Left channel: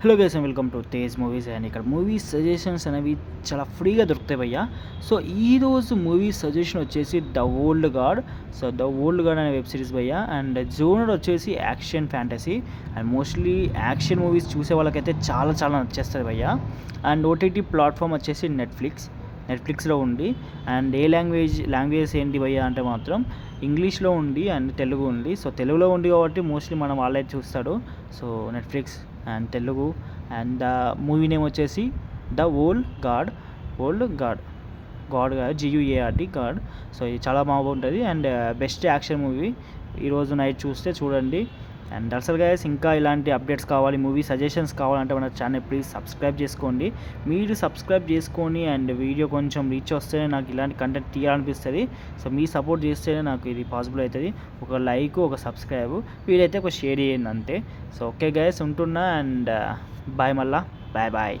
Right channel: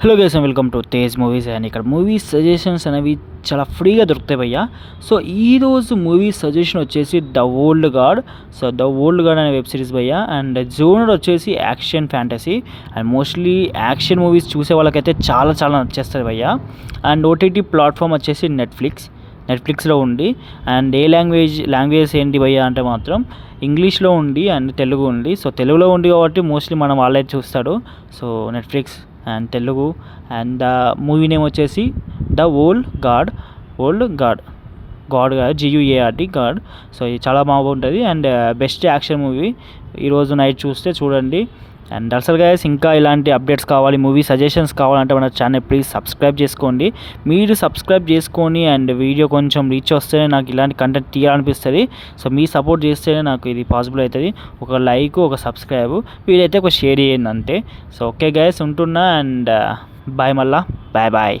Hello guys welcome to Tej movies. And ఇక్కడ movie suggestions అనేవి చాలా ఫ్రీగా దొరుకుతాయి భయ్యా. సో ఈరోజు మూవీ సజెషన్ వచ్చేసి the old God. So the old God అనే వెబ్ సిరీస్ భయ్యా. అండ్ జోనర్ వచ్చేసి action fantasy. And mostly action movies చూసే వాళ్ళకైతే చాలా చాలా నచ్చేస్తుంది భయ్యా. అండ్ ఓటీటీ ప్లాట్ఫామ్ వచ్చేసి నెట్ఫ్లిక్స్లో ఉంది. అండ్ ఏ లాంగ్వేజెస్ ఏంటి భయ్యా అంటే మాత్రం ఇంగ్లీష్లో ఉంది అండ్ తెలుగు ఉంది. సో తెలుగులో ఉంది కాబట్టి మోస్ట్లీ మనం వాళ్ళే చూస్తాడు. So Netflix and Telugu. And the movie name వచ్చేసి ద ఓల్డ్ గాడ్. గాడ్ కాదు, GUARD గాడ్. సో ఇది చాలా బాగుంటుంది అండ్ బెస్ట్ యాక్షన్ మూవీ. ఈరోజు నైట్ చూడండి. అండ్ అసలు గైస్ ఇంకా ఇలాంటి అప్డేట్స్ కావాలి, మూవీ సజెషన్స్ కావాలంటే మన ఛానల్ ప్లీజ్ సబ్స్క్రైబ్ చేసుకోండి. మీరు సబ్స్క్రైబ్ చేసుకొని అండ్ వీడియో కొంచెం రీచ్ వస్తేనే నాకు ఇలాంటి కంటెంట్ తీయాలనిపిస్తుంది. సో మీ సపోర్ట్ చేస్తేనే నాకు ఇది పాసిబుల్ అవుతుంది. ఒక లైక్, ఒక సబ్స్క్రైబ్, వీలైతే ఒక షేర్ చేయండి అంతే. సో ఓకే గైస్, ఉంటున్నా. అండ్ బాయ్, మళ్ళా బాయ్.